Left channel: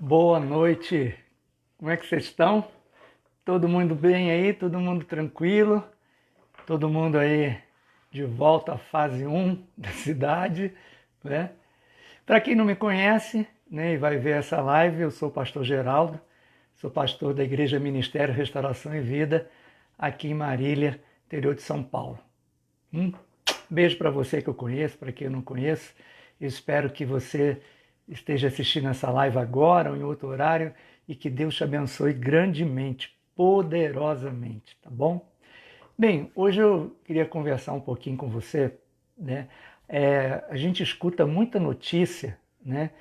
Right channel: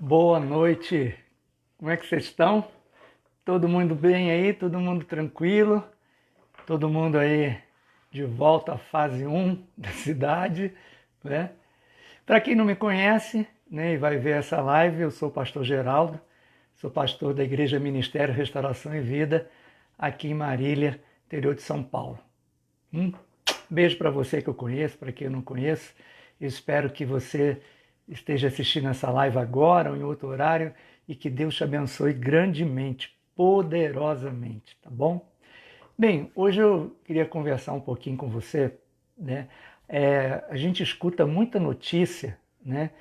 Boa noite, como é que vocês estão? Todo mundo bem aí? Todo mundo tranquilo? Todo mundo aí de volta à fase 1 da cidade, né? Para quem não me conhece, né, e vai ver essa live, eu sou o pastor Geraldo, sou pastor da Igreja Ministério Restauração e Vida, aqui em Marília, interior de São Paulo. Beijo para você que eu conheço, para quem eu não conheço. Eu espero que você esteja assistindo essa live agora ou em outro horário e que Deus te abençoe grandemente, poderosamente, tá bom? Bem, hoje eu queria conversar um pouquinho com você, né? A gente escuta muita notícia, né?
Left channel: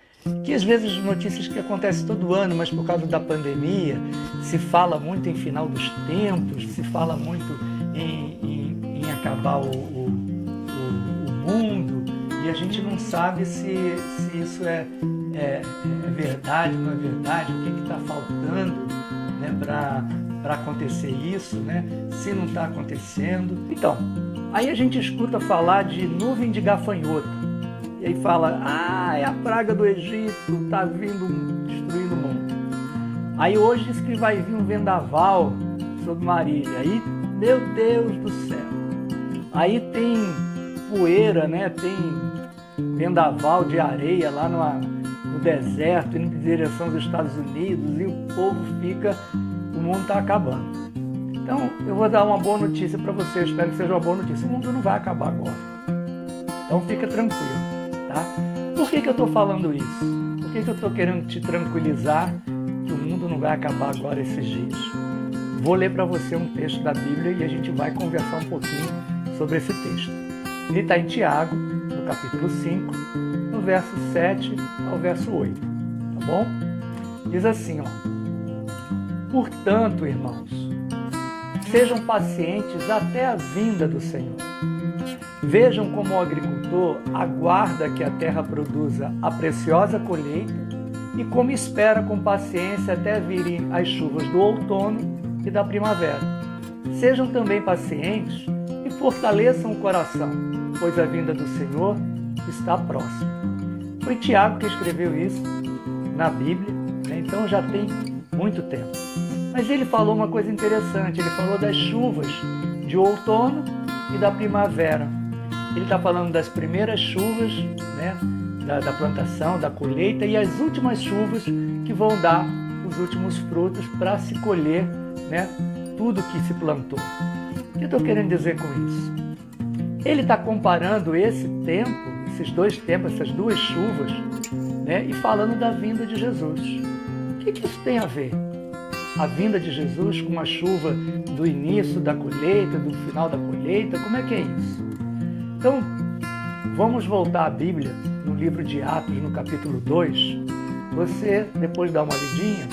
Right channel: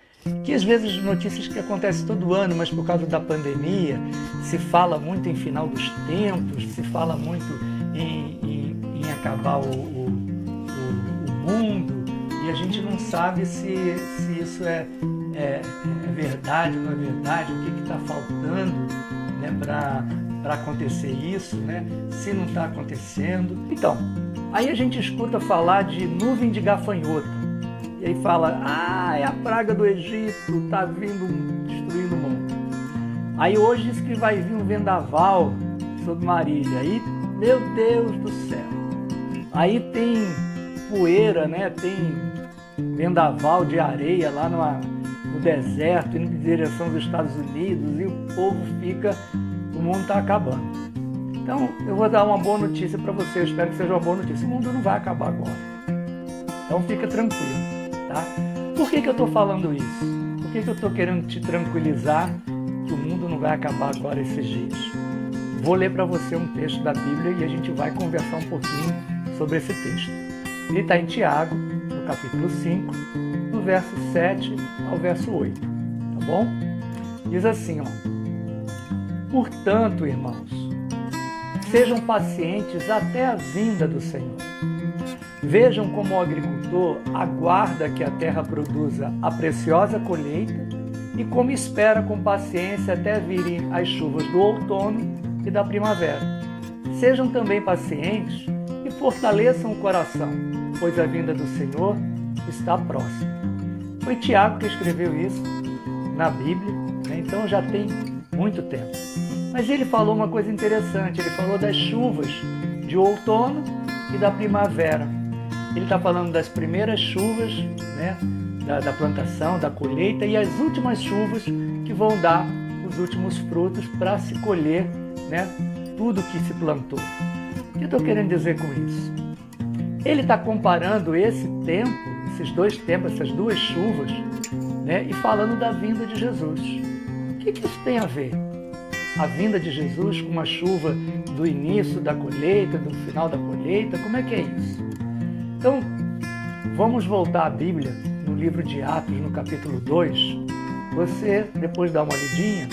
Que às vezes notícias que acontecem todo ano, mas por causa da pandemia, se fala muito em final dos tempos, se fala muito em acabar o mundo, e a gente não sabe se isso é verdade ou não é verdade, o que está faltando, né, para acontecer isso, né, se não está acontecendo. Então, aí a gente escuta falar de nuvem de gafanhoto, e aí fala, é a praga do Egito, está vindo destruindo o mundo. Aí hoje diz que vai vir um vendaval sobre Marília, aí, meu Deus do céu, aí tem poeira, né? Tem vendaval de areia lá no deserto, indo em direção aos Estados Unidos, e o povo o mundo está acabando. Então, eu vou dar uma boa notícia para você, eu espero que seja uma boa notícia. O mundo não vai acabar agora. Então, fica tranquilo, tá? Por que eu estou falando isso? Por que eu estou querendo te tranquilizar que o mundo não vai acabar agora esses dias? Vou ler para você um texto da Bíblia e a gente vai conversar um pouquinho sobre esse texto. Ele está em Tiago, no capítulo 5, no verso 7 ao verso 8, tá bom? Diz assim, ó: Portanto, irmãos, sejam pacientes até a vinda do Senhor. Vejam como o agricultor aguarda que a terra produza a preciosa colheita e como espera com paciência até virem as chuvas do outono e da primavera. Sejam também pacientes e fortaleçam o coração, pois a vinda do Senhor está próxima. Foi Tiago que escreveu isso na Bíblia, né? Então já tem muito tempo. Mas ele falou uma coisa interessante, ele falou das chuvas de outono e da primavera. Ele está falando das primeiras chuvas, né? da plantação, da colheita, e as últimas chuvas que vão dar os últimos frutos para se colher, né? Tudo que se plantou. O que eu estou querendo dizer com isso? Ele está comparando esse tempo, esses dois tempos, essas duas chuvas, né, e falando da vinda de Jesus. O que isso tem a ver? A vinda de Jesus com a chuva do início da colheita, do final da colheita, como é que é isso? Então, vamos voltar à Bíblia, no livro de Atos, no capítulo 2. Você, depois de dar uma lidinha,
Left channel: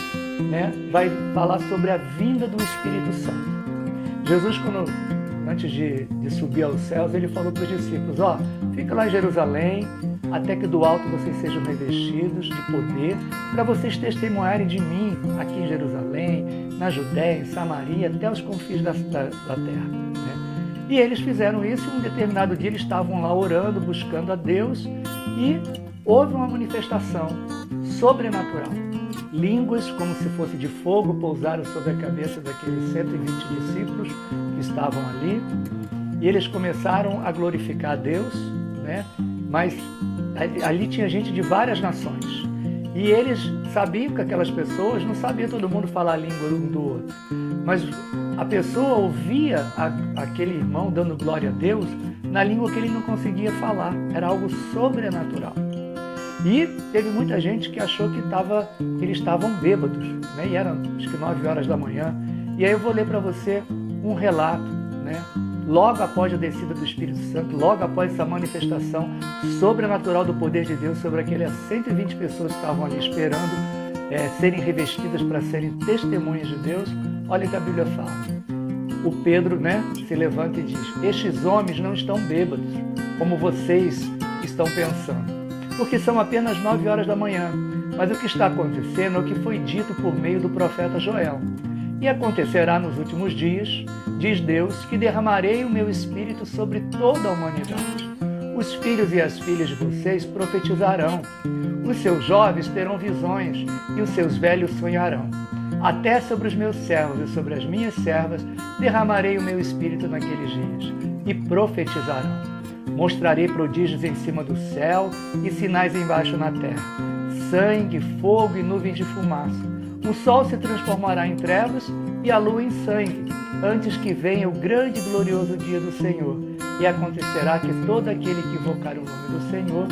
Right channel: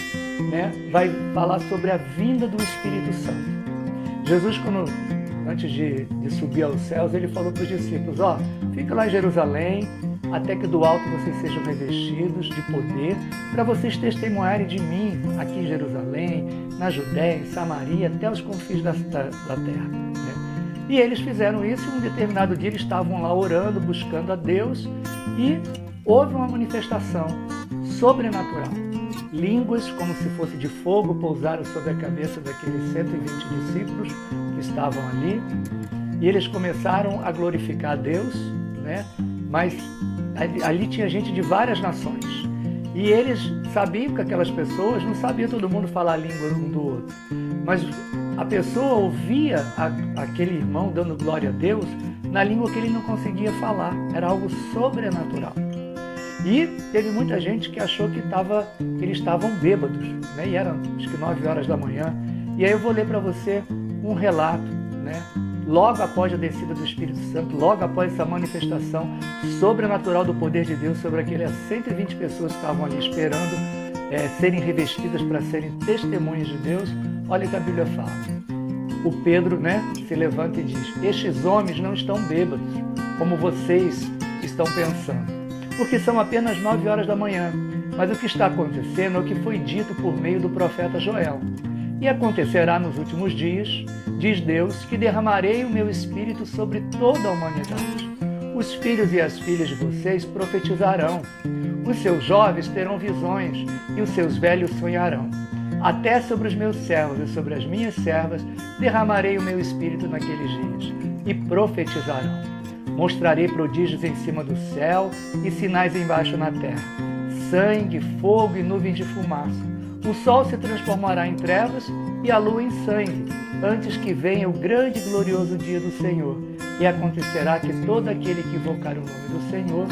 né, vai falar sobre a vinda do Espírito Santo. Jesus, antes de subir aos céus, ele falou para os discípulos, fica lá em Jerusalém, até que do alto vocês sejam revestidos de poder, para vocês testemunharem de mim aqui em Jerusalém, na Judéia, em Samaria, até os confins da terra. Né? E eles fizeram isso, e um determinado dia eles estavam lá orando, buscando a Deus, e houve uma manifestação sobrenatural. Línguas, como se fosse de fogo, pousaram sobre a cabeça daqueles 120 discípulos que estavam ali, e eles começaram a glorificar a Deus, né? Mas ali tinha gente de várias nações, e eles sabiam que aquelas pessoas, não sabia todo mundo falar a língua um do outro, mas a pessoa ouvia aquele irmão dando glória a Deus na língua que ele não conseguia falar, era algo sobrenatural. E teve muita gente que achou que eles estavam bêbados, né? E eram acho que 9 horas da manhã. E aí eu vou ler para você um relato, né? Logo após a descida do Espírito Santo, logo após essa manifestação sobrenatural do poder de Deus sobre aquelas 120 pessoas que estavam ali esperando serem revestidas para serem testemunhas de Deus, olha o que a Bíblia fala. O Pedro, né, se levanta e diz, estes homens não estão bêbados, como vocês estão pensando, porque são apenas 9 horas da manhã, mas o que está acontecendo é o que foi dito por meio do profeta Joel. E acontecerá nos últimos dias, diz Deus, que derramarei o meu espírito sobre toda a humanidade. Os filhos e as filhas de vocês profetizarão. Os seus jovens terão visões e os seus velhos sonharão. Até sobre os meus servos e sobre as minhas servas derramarei o meu espírito naqueles dias, e profetizarão. Mostrarei prodígios em cima do céu e sinais embaixo na terra, sangue, fogo e nuvens de fumaça. O sol se transformará em trevas e a lua em sangue, antes que venha o grande e glorioso dia do Senhor. E acontecerá que todo aquele que invocar o nome do Senhor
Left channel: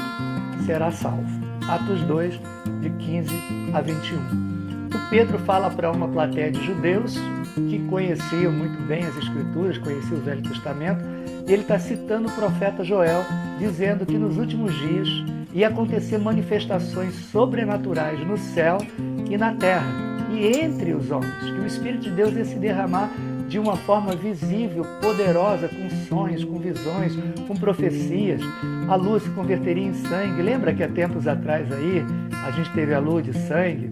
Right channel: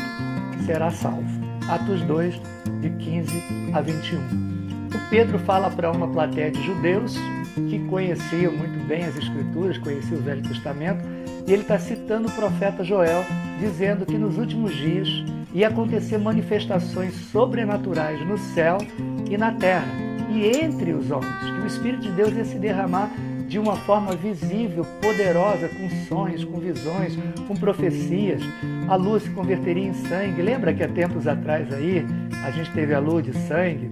será salvo. Atos 2, de 15 a 21. O Pedro fala para uma plateia de judeus que conheciam muito bem as Escrituras, conheciam o Velho Testamento, e ele está citando o profeta Joel, dizendo que nos últimos dias ia acontecer manifestações sobrenaturais no céu e na terra, e entre os homens, que o Espírito de Deus ia se derramar de uma forma visível, poderosa, com sonhos, com visões, com profecias. A lua se converteria em sangue. Lembra que há tempos atrás aí a gente teve a lua de sangue?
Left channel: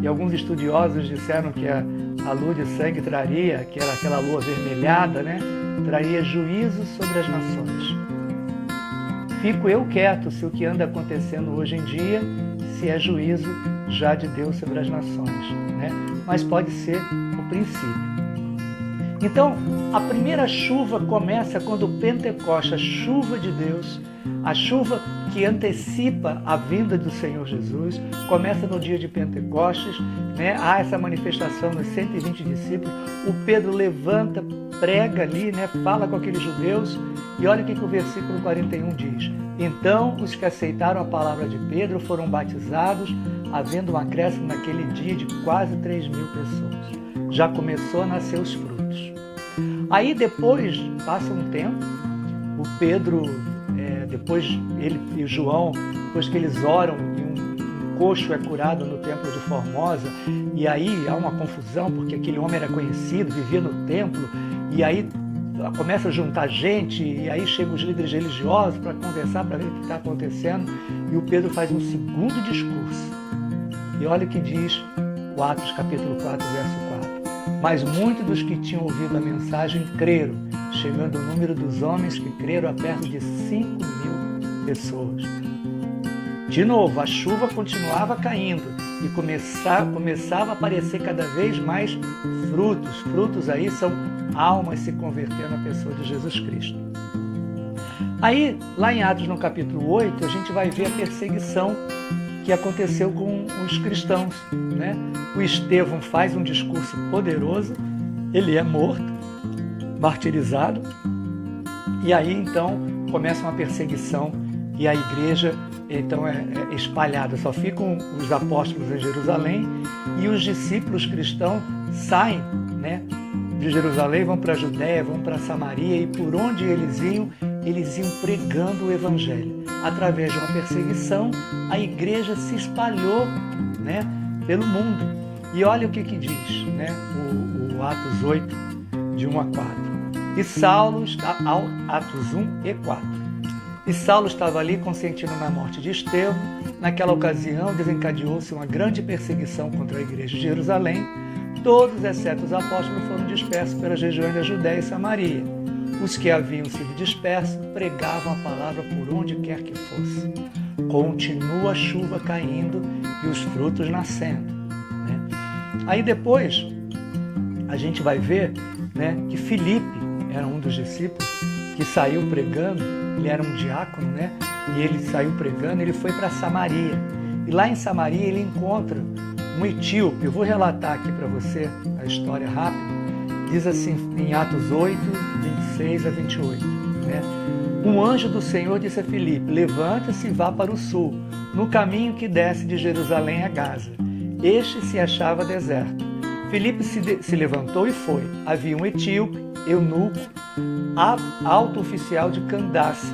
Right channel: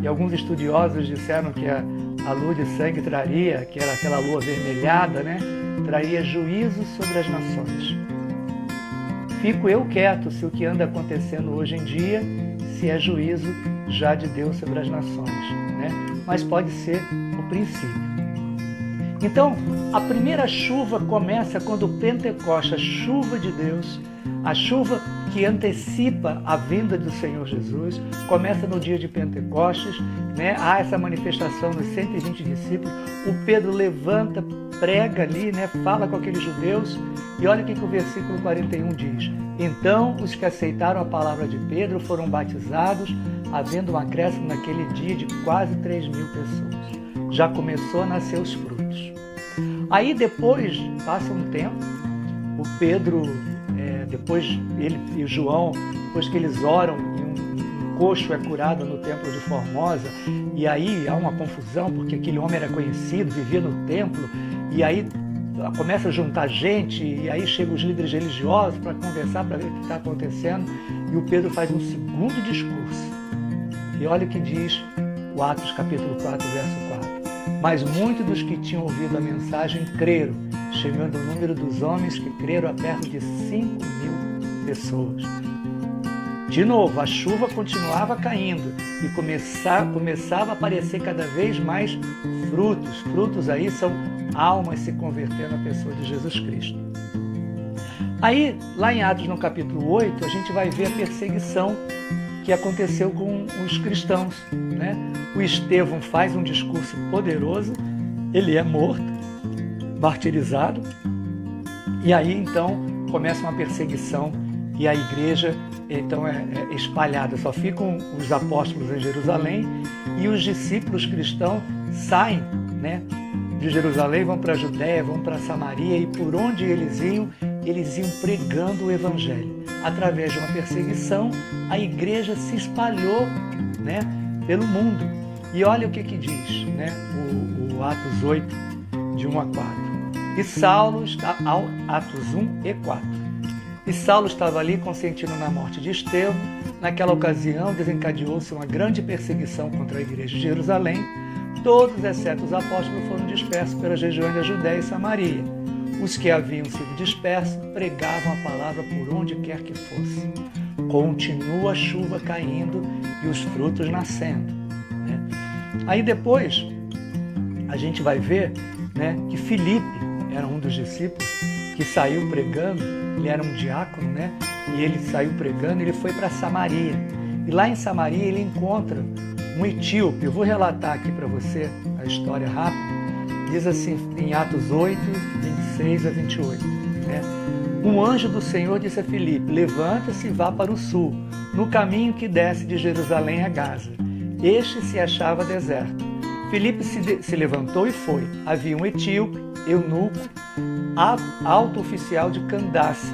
E alguns estudiosos disseram que a lua de sangue traria, que era aquela lua avermelhada, né? Traria juízo sobre as nações. Fico eu quieto se o que anda acontecendo hoje em dia, se é juízo já de Deus sobre as nações, né? Mas pode ser o princípio. Então, a primeira chuva começa quando o Pentecoste, a chuva de Deus, a chuva que antecipa a vinda do Senhor Jesus, começa no dia de Pentecostes, né? Há essa manifestação nos 120 discípulos, o Pedro levanta, prega ali, né? Fala com aqueles judeus, e olha o que o versículo 41 diz. Então os que aceitaram a palavra de Pedro foram batizados, havendo um acréscimo naquele dia de quase 3.000 pessoas. Já começou a nascer os frutos. Aí depois, passa um tempo, o Pedro... depois ele e João, depois que eles oram e um coxo é curado no templo de Formosa, e aí há uma confusão porque aquele homem era conhecido, vivia no templo, e aí começa a juntar gente, e aí chegam os líderes religiosos para conversar, para ver o que está acontecendo, e o Pedro faz um segundo discurso. E olha o que diz o Atos capítulo 4, verso 4. Mas muitos dos que tinham ouvido a mensagem creram, chegando o número dos homens que creram a perto de 5.000 pessoas. De novo, a chuva continuava caindo e começava a aparecer cada vez mais frutos. Frutos aí são almas se convertendo à pessoa de Jesus Cristo. Aí, lá em Atos, no capítulo 8, a gente vai ver a perseguição que aconteceu com os cristãos, né? O Estevão faz um discurso poderoso, ele é morto, martirizado, e aí então começa uma perseguição e a igreja então é espalhada. Só ficam os apóstolos em Jerusalém e os discípulos cristãos saem, né, de Jerusalém, vão para a Judéia, vão para Samaria, e por onde eles iam pregando o evangelho. Através de uma perseguição, a igreja se espalhou, né, pelo mundo. E olha o que diz, né, o Atos 8, de 1 a 4. E Saulo, Atos 1 e 4. E Saulo estava ali consentindo na morte de Estevão. Naquela ocasião desencadeou-se uma grande perseguição contra a igreja de Jerusalém. Todos, exceto os apóstolos, foram dispersos pelas regiões da Judéia e Samaria. Os que haviam sido dispersos pregavam a palavra por onde quer que fosse. Continua a chuva caindo e os frutos nascendo, né? Aí depois a gente vai ver, né, que Filipe era um dos discípulos que saiu pregando. Ele era um diácono, né? E ele saiu pregando, ele foi para Samaria. E lá em Samaria ele encontra um etíope. Eu vou relatar aqui para você a história rápida. Diz assim em Atos 8, 26 a 28, né? Um anjo do Senhor disse a Filipe: levanta-se e vá para o sul, no caminho que desce de Jerusalém a Gaza. Este se achava deserto. Filipe se levantou e foi. Havia um etíope, eunuco, alto oficial de Candace,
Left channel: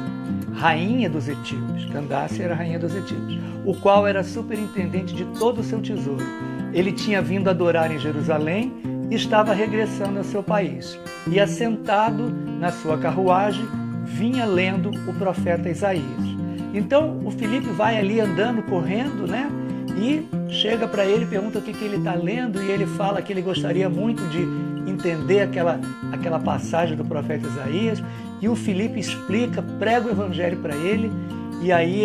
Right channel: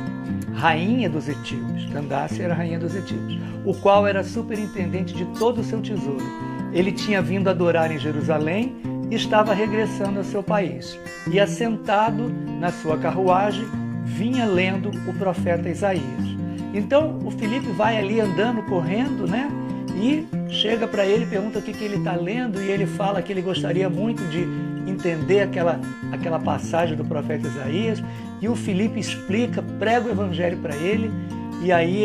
rainha dos etíopes. Candace era a rainha dos etíopes, o qual era superintendente de todo o seu tesouro. Ele tinha vindo adorar em Jerusalém e estava regressando ao seu país. E assentado na sua carruagem, vinha lendo o profeta Isaías. Então o Filipe vai ali andando, correndo, né? E chega para ele, pergunta o que ele está lendo, e ele fala que ele gostaria muito de entender aquela passagem do profeta Isaías. E o Filipe explica, prega o evangelho para ele, e aí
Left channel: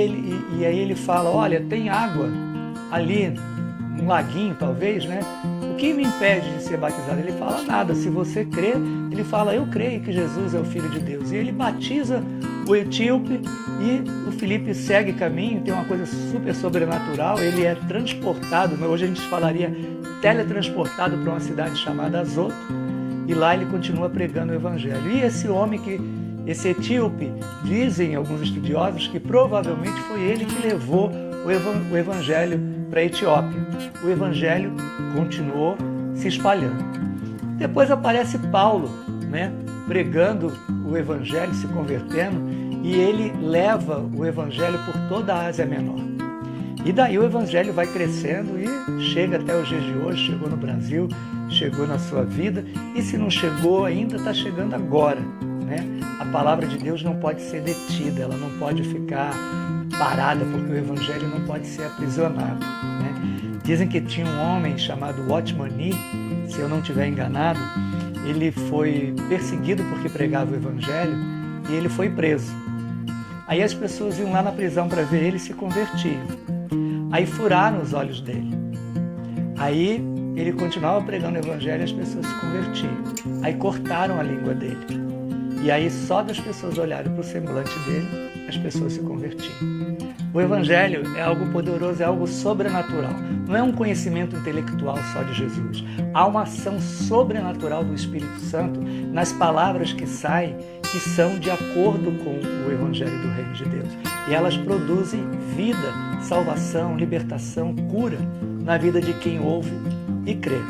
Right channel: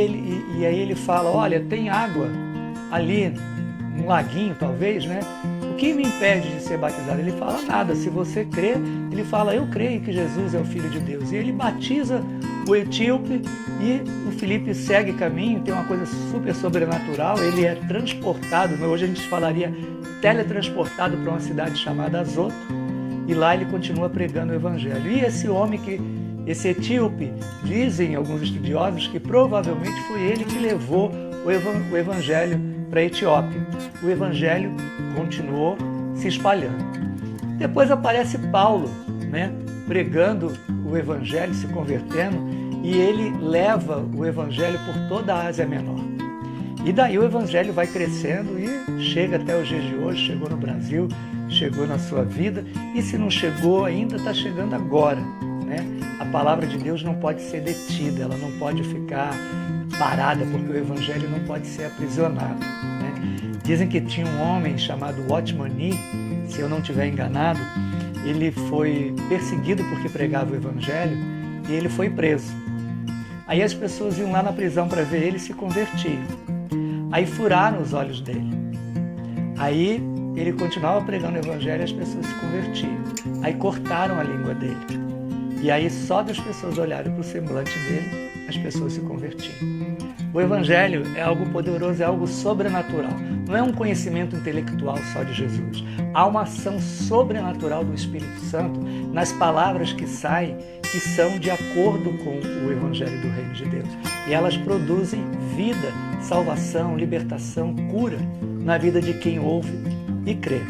ele fala, olha, tem água ali, um laguinho talvez, né? O que me impede de ser batizado? Ele fala, nada, se você crê, ele fala, eu creio que Jesus é o Filho de Deus. E ele batiza o etíope e o Filipe segue caminho, tem uma coisa super sobrenatural, ele é transportado, hoje a gente falaria teletransportado para uma cidade chamada Azoto, e lá ele continua pregando o Evangelho. E esse etíope, dizem alguns estudiosos que provavelmente foi ele que levou o Evangelho para a Etiópia. O Evangelho continuou se espalhando. Depois aparece Paulo, né, pregando o Evangelho, se convertendo, e ele leva o Evangelho por toda a Ásia Menor. E daí o Evangelho vai crescendo e chega até os dias de hoje, chegou no Brasil, chegou na sua vida, e se não chegou ainda, está chegando agora, né? A palavra de Deus não pode ser detida, ela não pode ficar parada, porque o Evangelho não pode ser aprisionado, né? Dizem que tinha um homem chamado Watchman Nee, se eu não estiver enganado, ele foi perseguido porque pregava o Evangelho e ele foi preso. Aí as pessoas iam lá na prisão para ver ele e se convertiam. Aí furaram os olhos dele. Aí ele continuava pregando o Evangelho e as pessoas se convertiam. Aí cortaram a língua dele. E aí só das pessoas olharem para o semblante dele, as pessoas se convertiam. O Evangelho é algo poderoso, é algo sobrenatural. Não é um conhecimento intelectual só de Jesus. Há uma ação sobrenatural do Espírito Santo nas palavras que saem, que são de acordo com o Evangelho do Reino de Deus. E elas produzem vida, salvação, libertação, cura na vida de quem ouve e crê.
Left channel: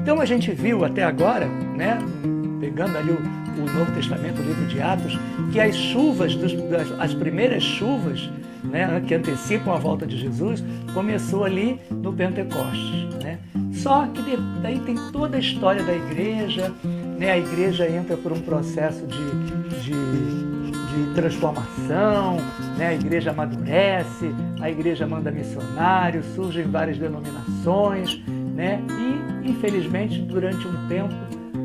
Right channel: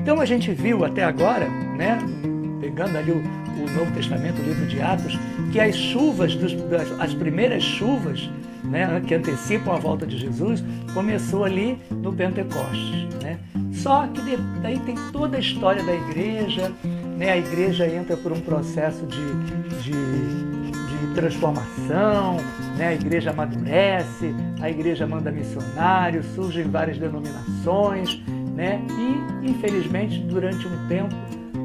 Então a gente viu até agora, né, pegando ali o Novo Testamento, o livro de Atos, que as chuvas, as primeiras chuvas, né, que antecipam a volta de Jesus, começou ali no Pentecostes, né? Só que daí tem toda a história da igreja, né? A igreja entra por um processo de transformação, né? A igreja amadurece, a igreja manda missionários, surgem várias denominações, né? E, infelizmente, durante um tempo,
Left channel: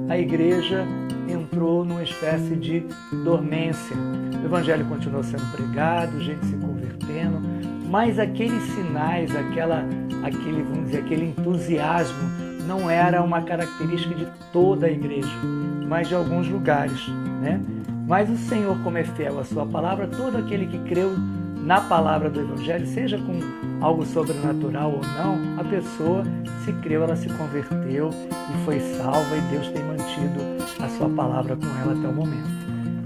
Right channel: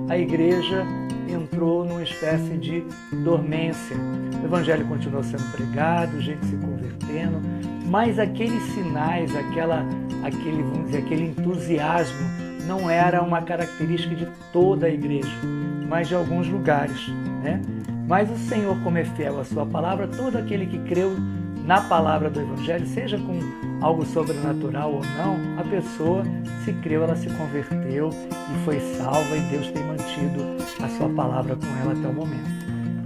a igreja entrou numa espécie de dormência. O Evangelho continuou sendo pregado, gente se convertendo, mas aqueles sinais, aquele entusiasmo não era uma característica de toda a igreja, mas de alguns lugares, né? Mas o Senhor, como é fiel à sua palavra, todo aquele que creu na palavra do Evangelho, seja com algo sobrenatural ou não, a pessoa, se creu, ela se converteu e foi salva, e Deus tem mantido a sua palavra com ela até o momento.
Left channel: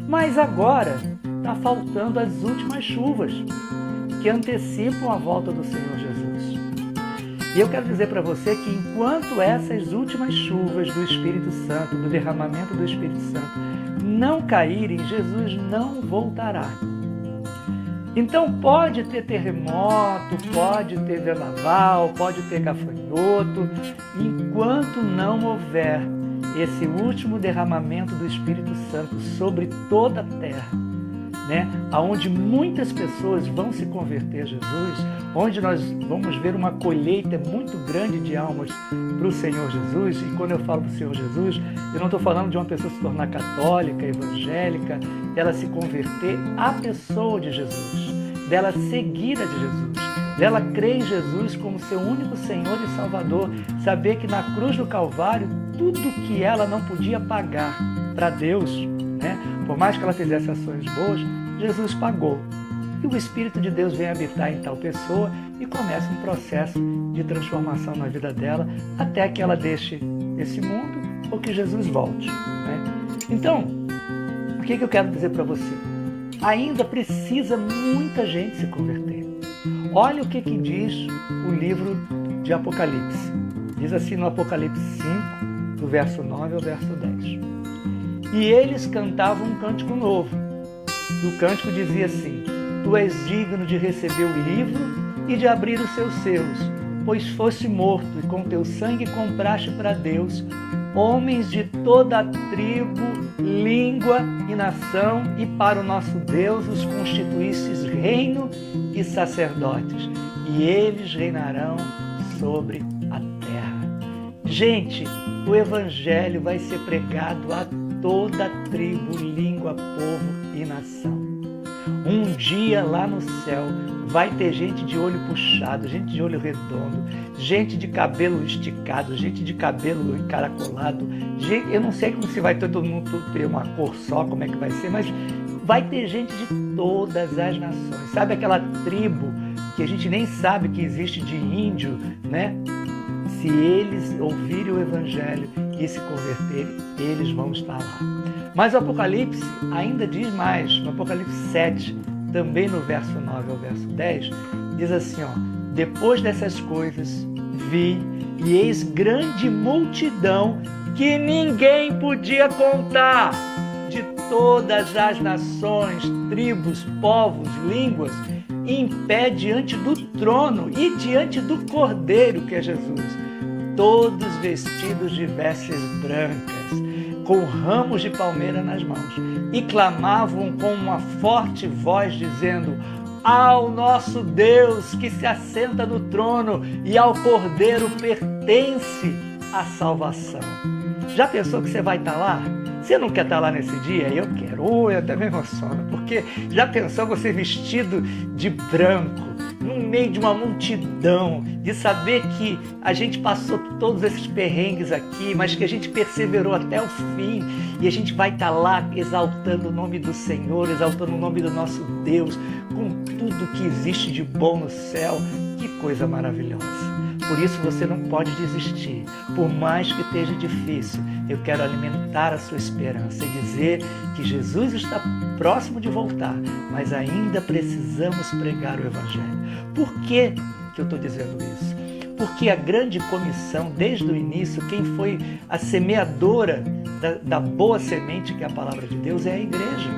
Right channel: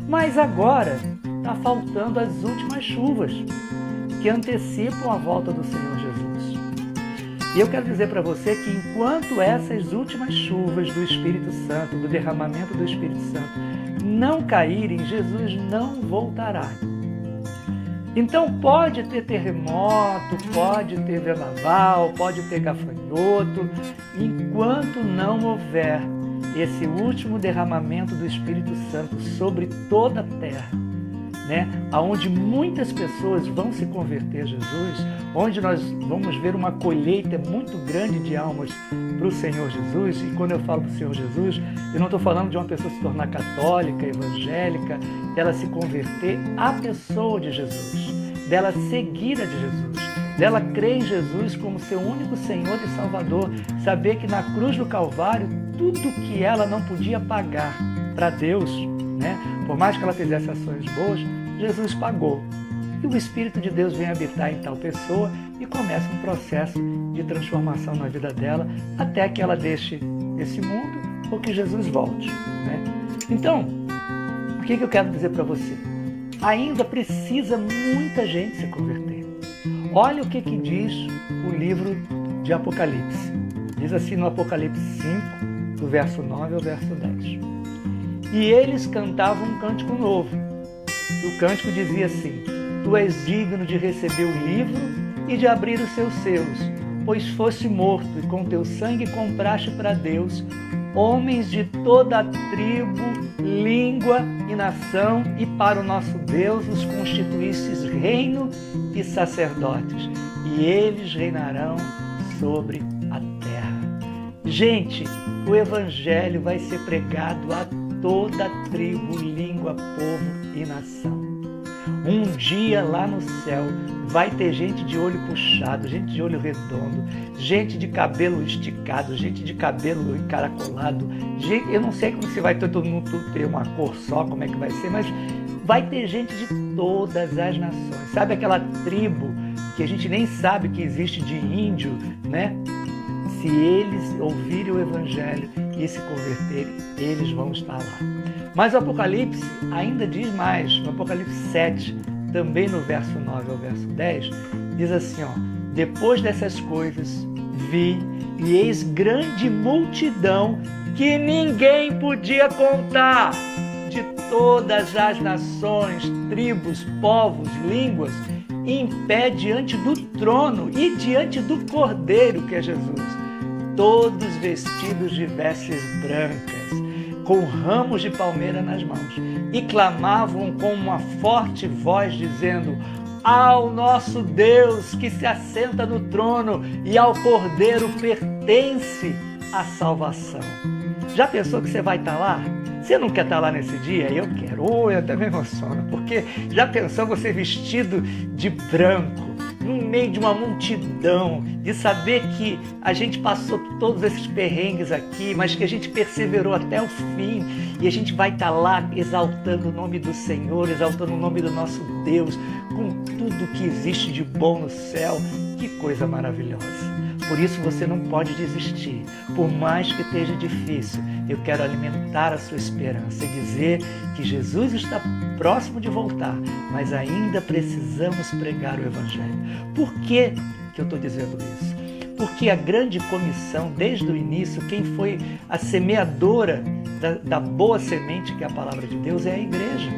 Mas agora está faltando as últimas chuvas que antecipam a volta do Senhor Jesus. E eu quero dizer para você que enquanto essas últimas chuvas do Espírito Santo, do derramamento do Espírito Santo, não caírem, Jesus não voltará. Então pode ter terremoto, pode ter vendaval, pode ter gafanhoto, enquanto não houver esse último derramamento do Espírito Santo sobre toda a terra, né? Onde muitas pessoas vão se converter a Jesus, onde nós vamos ver uma colheita muito grande de almas para o Senhor Jesus. E quando eu falo para o Senhor Jesus, eu não estou falando de uma pessoa se tornar católica, evangélica, dela se converter à pessoa de Jesus, dela seguir a de Jesus, dela crer em Jesus como seu único Senhor e Salvador, saber que na cruz do Calvário, tudo que ela não podia pagar para Deus, né? Por mais que ela fizesse ações boas, Jesus pagou. E o Espírito de Deus vem habitar em tal pessoa e começa um processo de transformação na vida dela até que ela deixe esse mundo ou que Jesus volte, né? Então, o que eu quero dizer para você? Ainda precisa muita gente se converter. Olha o que diz o livro de Apocalipse. Diz assim no Apocalipse 5, do verso 9 ao verso 10. E eles cantavam um cântico novo. E o cântico dizia assim: Tu és digno de receber o livro e de abrir os seus selos, pois foste morto e com teu sangue compraste para Deus homens de toda a tribo, língua e nação, e para o nosso Deus os constituístes reino e sacerdotes, e eles reinarão sobre a terra. Gente, o Evangelho vai ser pregado a toda tribo, língua, povo e nação. Um dia lá no céu vai ter gente de olho puxado, gente de olho redondo, gente de cabelo esticado, gente de cabelo encaracolado. Gente, eu não sei como se vai todo mundo ter uma cor só, como é que vai ser, mas vai ter gente de todas as nações. Sabe aquela tribo que a gente nem sabe que existe de índio, né? Se eles ouvirem o Evangelho e se converterem, eles vão estar lá. Mas o Apocalipse ainda diz mais, no Apocalipse 7, também no verso 9 ao verso 10, diz assim, ó, depois dessas coisas, vi e eis grande multidão que ninguém podia contar, de todas as nações, tribos, povos, línguas, em pé diante do trono e diante do Cordeiro, que é Jesus, todos vestidos de vestes brancas, com ramos de palmeira nas mãos, e clamavam com uma forte voz, dizendo, ao nosso Deus que se assenta no trono e ao Cordeiro pertence a salvação. Já pensou que você vai estar lá? Você não quer estar lá nesse dia? Eu quero. Eu até me emociono, porque já pensou você vestido de branco, no meio de uma multidão, de saber que a gente passou todos esses perrengues aqui, mas que a gente perseverou até o fim, e a gente vai estar lá exaltando o nome do Senhor, exaltando o nome do nosso Deus, com tudo que existe de bom no céu. Que coisa maravilhosa! Por isso você não pode desistir. Por mais que esteja difícil, eu quero alimentar a sua esperança e dizer que Jesus está próximo de voltar, mas ainda precisamos pregar o Evangelho. Por que eu estou dizendo isso? Porque a grande comissão, desde o início, quem foi a semeadora da boa semente, que é a palavra de Deus, é a igreja.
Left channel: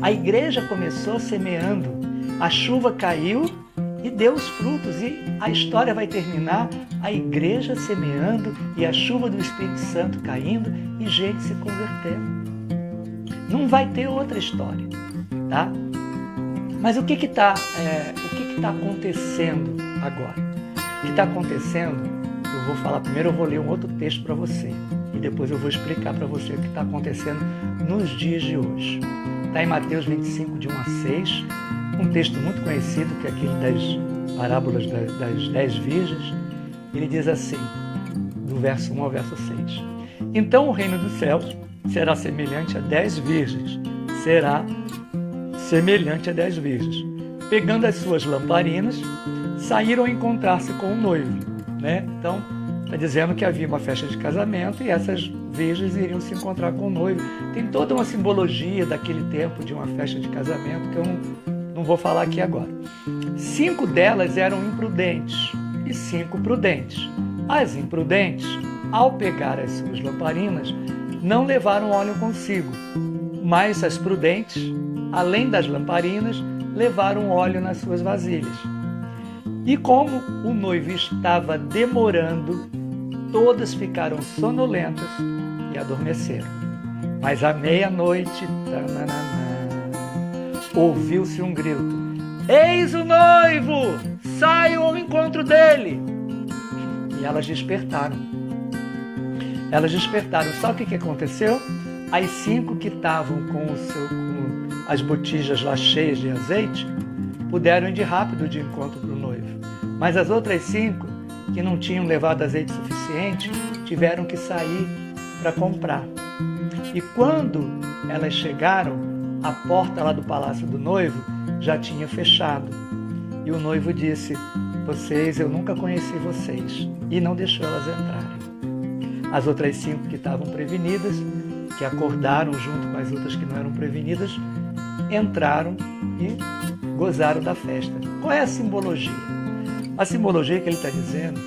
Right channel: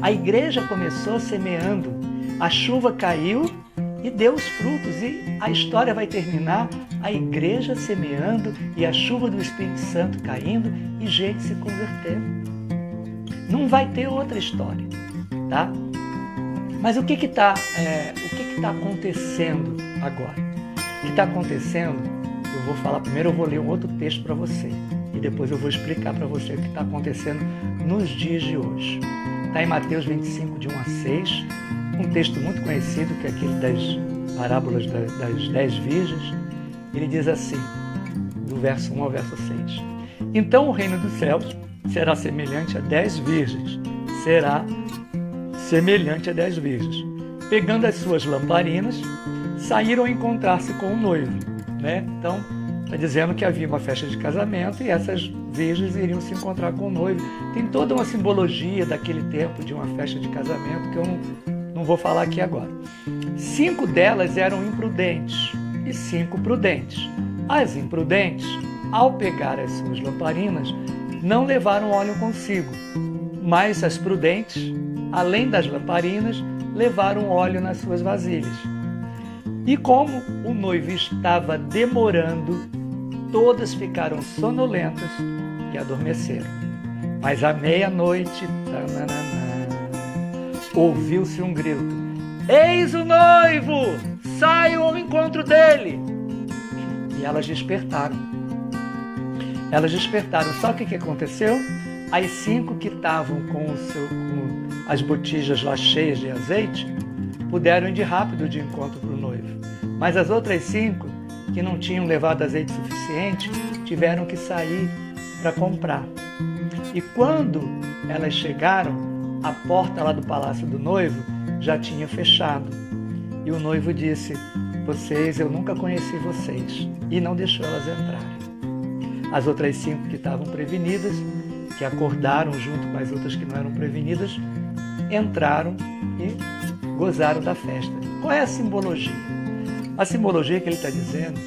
A igreja começou semeando, a chuva caiu e deu os frutos, e a história vai terminar a igreja semeando e a chuva do Espírito Santo caindo e gente se convertendo. Não vai ter outra história, tá? Mas o que está acontecendo agora? O que está acontecendo, eu vou falar primeiro, eu vou ler um outro texto para você e depois eu vou explicar para você o que está acontecendo nos dias de hoje. Está em Mateus 25, de 1 a 6, um texto muito conhecido, que é aquele das parábolas das 10 virgens. Ele diz assim, do verso 1 ao verso 6. Então o reino dos céus será semelhante a 10 virgens. Será semelhante a 10 virgens. Pegando as suas lamparinas, saíram a encontrar-se com o noivo. Né? Então, está dizendo que havia uma festa de casamento e essas virgens iriam se encontrar com o noivo. Tem toda uma simbologia daquele tempo de uma festa de casamento que eu não vou falar aqui agora. 5 delas eram imprudentes e 5 prudentes. As imprudentes, ao pegar as suas lamparinas, não levaram óleo consigo, mas as prudentes, além das lamparinas, levaram óleo nas suas vasilhas. E como o noivo estava demorando, todas ficaram sonolentas e adormeceram. Mas à meia-noite, ouviu-se um grito: eis o noivo! Saiam ao encontro dele! E elas despertaram. Só que o que aconteceu? As 5 que estavam com as botijas lá cheias de azeite, puderam ir de rápido de encontro para o noivo. Mas as outras 5, que não tinham levado azeite suficiente, tiveram que sair para comprar. E quando elas chegaram, a porta lá do palácio do noivo já tinha fechado. E o noivo disse: eu nunca conheci vocês. E não deixou elas entrarem. As outras 5 que estavam prevenidas, que acordaram junto com as outras que não eram prevenidas, entraram e gozaram da festa. Qual é a simbologia? A simbologia que ele está dizendo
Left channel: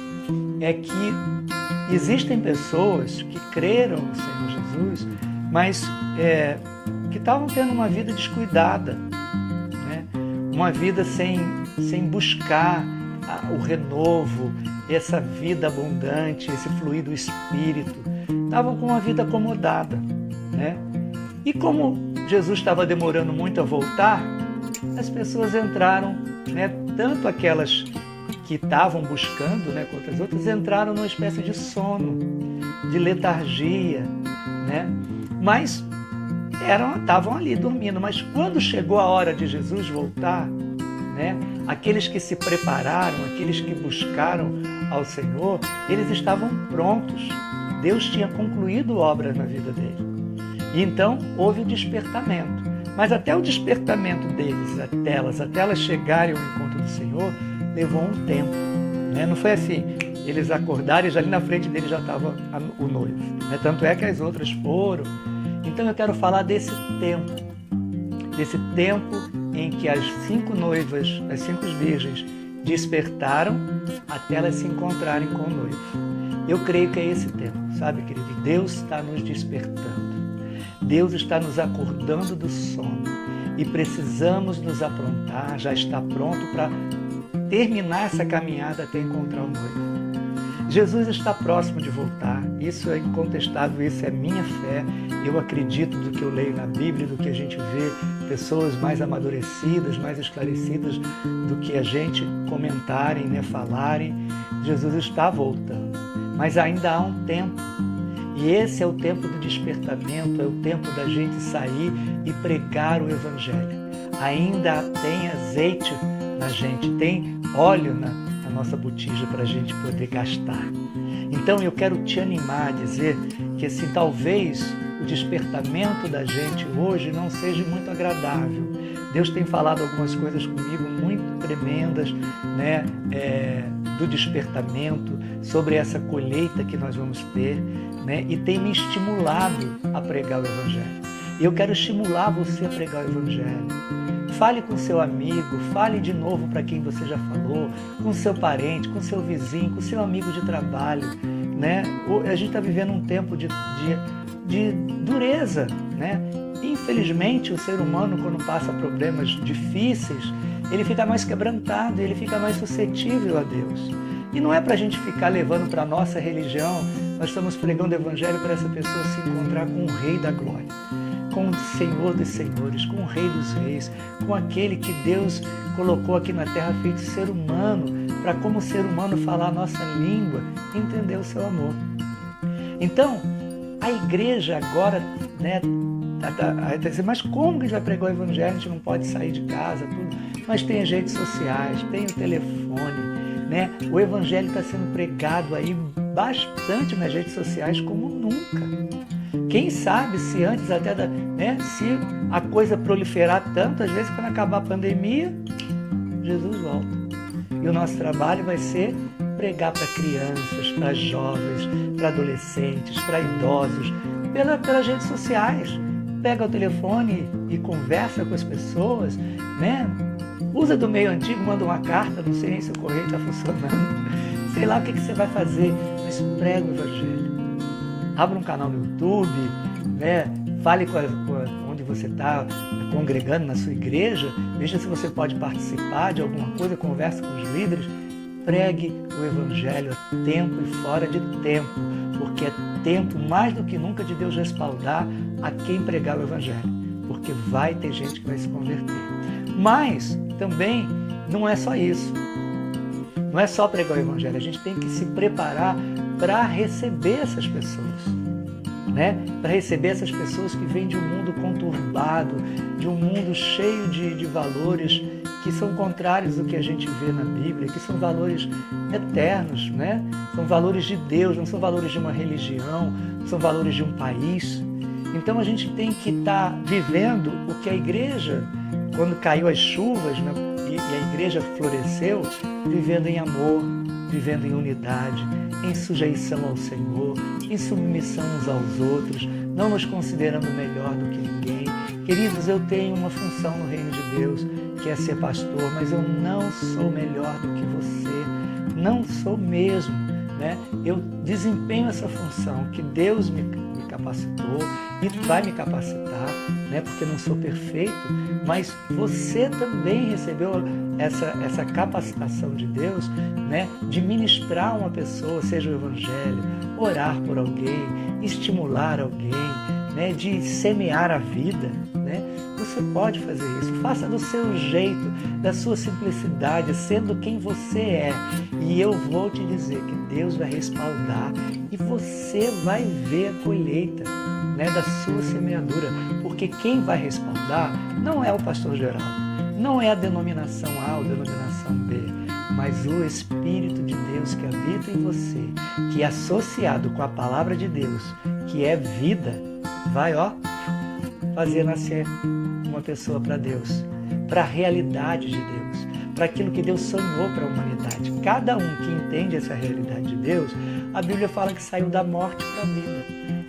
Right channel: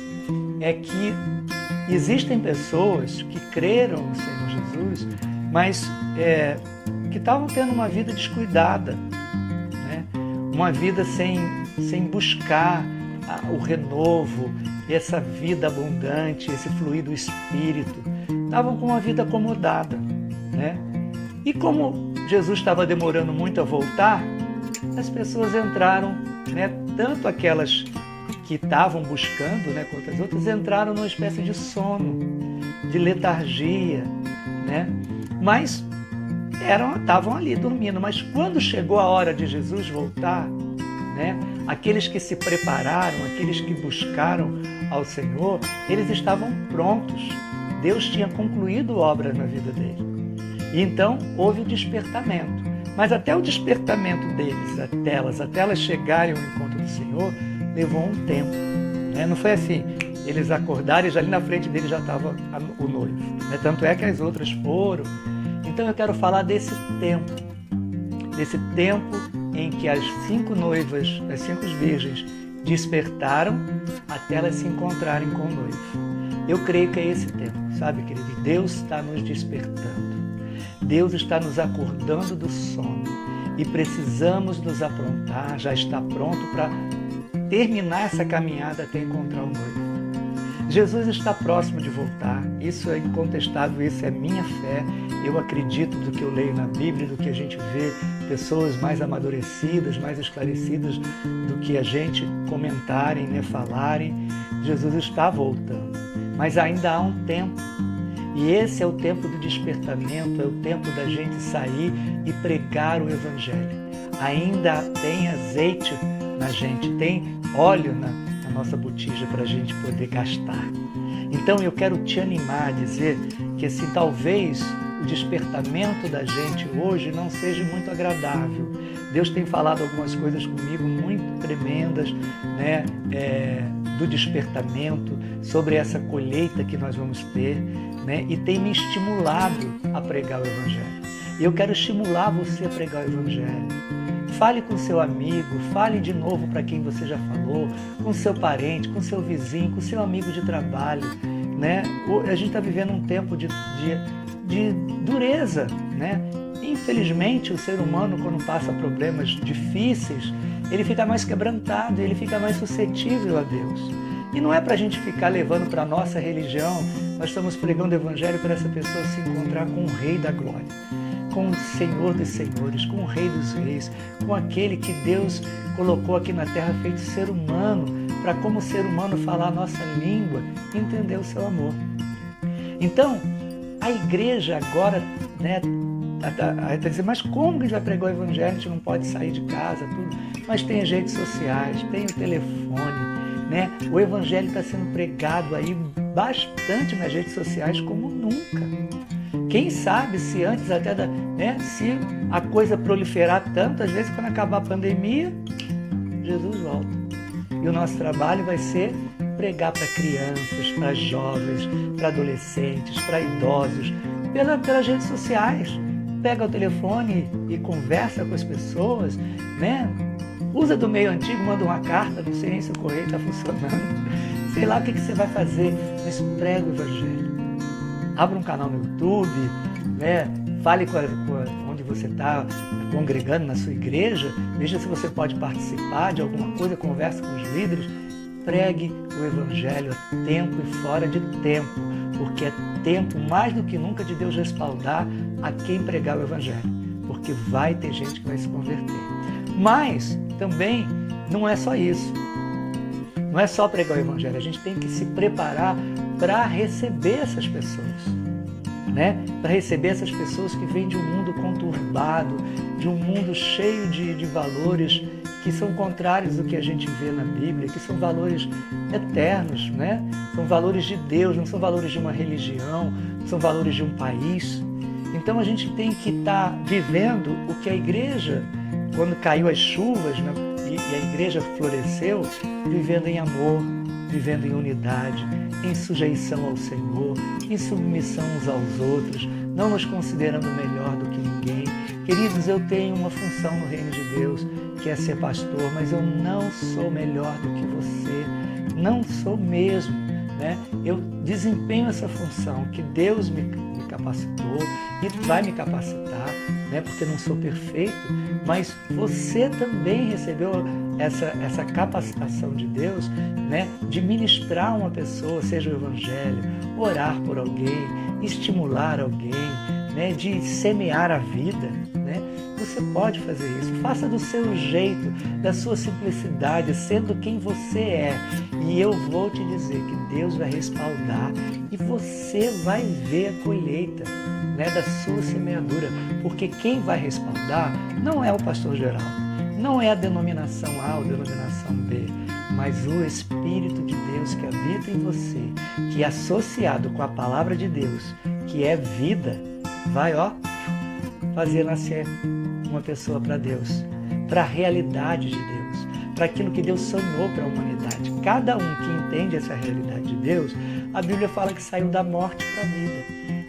é que existem pessoas que creram no Senhor Jesus, mas que estavam tendo uma vida descuidada, né? Uma vida sem buscar o renovo, essa vida abundante, esse fluir do Espírito. Estavam com uma vida acomodada, né? E como Jesus estava demorando muito a voltar, as pessoas entraram, né? Tanto aquelas que estavam buscando, né, quanto as outras, entraram numa espécie de sono, de letargia, né? Mas estavam ali dormindo, mas quando chegou a hora de Jesus voltar, né, aqueles que se prepararam, aqueles que buscaram ao Senhor, eles estavam prontos. Deus tinha concluído obras na vida dele. E então houve o despertamento. Mas até o despertamento deles, até elas chegarem ao encontro do Senhor, levou um tempo. Né? Não foi assim, eles acordaram e já ali na frente deles já estava o noivo. Né? Tanto é que as outras foram. Então eu quero falar desse tempo em que as 5 noivas, as 5 virgens, despertaram até elas se encontrarem com o noivo. Eu creio que é esse tempo, sabe, querido? Deus está nos despertando. Deus está nos acordando do sono e precisamos nos aprontar, já está pronto para terminar essa caminhada até encontrar o noivo. Jesus está próximo de voltar, isso é incontestável, isso é minha fé. Eu acredito do que eu leio na Bíblia, do que a gente vê, pessoas mais amadurecidas, mais esclarecidas do que a gente comentarem, né, falarem. Jesus está voltando, mas ainda há um tempo. E esse é o tempo do despertamento, é o tempo da gente sair e pregar o Evangelho. Ainda tem azeite na gente, tem óleo na nossa botija para a gente poder gastar. Então eu quero te animar a dizer que assim, talvez o despertamento da gente hoje não seja muito agradável. Deus tem falado algumas coisas comigo muito tremendas, né, do despertamento, sobre essa colheita que nós vamos ter, né, e tem me estimulado a pregar o Evangelho. E eu quero estimular você a pregar o Evangelho. Fale com seu amigo, fale de novo para quem você já falou, com seu parente, com seu vizinho, com seu amigo de trabalho. Né? A gente está vivendo um tempo de dureza. Né? Infelizmente, o ser humano, quando passa problemas difíceis, ele fica mais quebrantado, ele fica mais suscetível a Deus. E não é para a gente ficar levando para a nossa religião, nós estamos pregando o Evangelho para essa pessoa se encontrar com o Rei da Glória, com o Senhor dos Senhores, com o Rei dos Reis, com aquele que Deus colocou aqui na terra feito ser humano, para como ser humano falar a nossa língua e entender o seu amor. Então, a igreja agora, né, está dizendo, mas como a gente vai pregar o Evangelho? A gente não pode sair de casa, tudo. Mas tem as redes sociais, tem o telefone, né? O Evangelho está sendo pregado aí bastante nas redes sociais como nunca. Quem sabe se antes até, né, se a coisa proliferar tanto, às vezes quando acabar a pandemia, Jesus volta. E o nosso trabalho vai ser pregar para crianças, para jovens, para adolescentes, para idosos, pelas redes sociais. Pega o telefone e conversa com as pessoas, né? Usa do meio antigo, manda uma carta, não sei nem se o correio está funcionando. Sei lá o que você vai fazer, mas prega o Evangelho. Abra um canal no YouTube, né? Fale onde você está congregando na sua igreja, veja se você pode participar de alguma coisa, converse com os líderes. Pregue o Evangelho a tempo e fora de tempo, porque é tempo mais do que nunca de Deus respaldar a quem pregar o Evangelho, porque vai ter gente que vai se converter. Mas também não é só isso, não é só pregar o Evangelho, a gente tem que se preparar para receber essas pessoas, né? Para receber essas pessoas que vêm de um mundo conturbado, de um mundo cheio de valores que são contrários do que a gente vê na Bíblia, que são valores eternos, né? São valores de Deus, não são valores de uma religião, são valores de um país. Então a gente tem que estar vivendo o que a igreja, quando caiu as chuvas, né, e a igreja floresceu, vivendo em amor, vivendo em unidade, em sujeição ao Senhor, em submissão uns aos outros, não nos considerando melhor do que ninguém. Queridos, eu tenho uma função no reino de Deus, que é ser pastor, mas eu não sou melhor do que você, não sou mesmo. Né? Eu desempenho essa função que Deus me capacitou e vai me capacitar, né? Porque não sou perfeito, mas você também recebeu essa capacitação de Deus, né? De ministrar uma pessoa, seja o Evangelho, orar por alguém, estimular alguém, né? De semear a vida. Né? Você pode fazer isso, faça do seu jeito, da sua simplicidade, sendo quem você é. E eu vou te dizer que Deus vai respaldar e você vai ver a colheita. né, da sua semeadura, porque quem vai respaldar não é o pastor Geraldo, não é a denominação A ou denominação B, mas o Espírito de Deus que habita em você, que é associado com a palavra de Deus, que é vida, vai, fazer nascer uma pessoa para Deus, para a realidade de Deus, para aquilo que Deus sonhou para a humanidade. Cada um que entende essa realidade de Deus, a Bíblia fala que saiu da morte para a vida.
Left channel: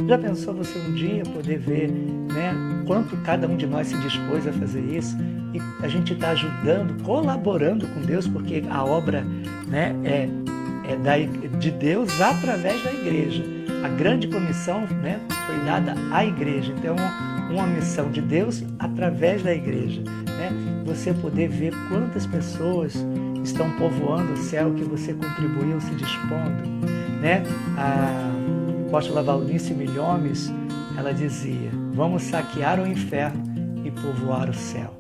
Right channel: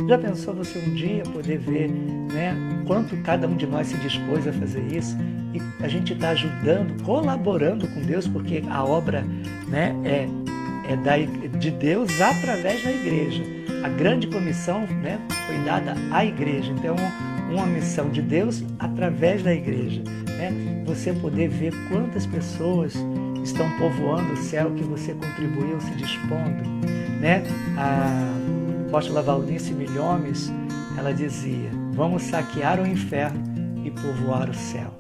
Já pensou você um dia poder ver, né, quanto cada um de nós se dispôs a fazer isso? E a gente está ajudando, colaborando com Deus, porque a obra, né, é de Deus através da igreja. A grande comissão, né, foi dada à igreja. Então, uma missão de Deus através da igreja, né? Você poder ver quantas pessoas estão povoando o céu que você contribuiu se dispondo, né? A apóstola Valnice Milhomes, ela dizia: vamos saquear o inferno e povoar o céu.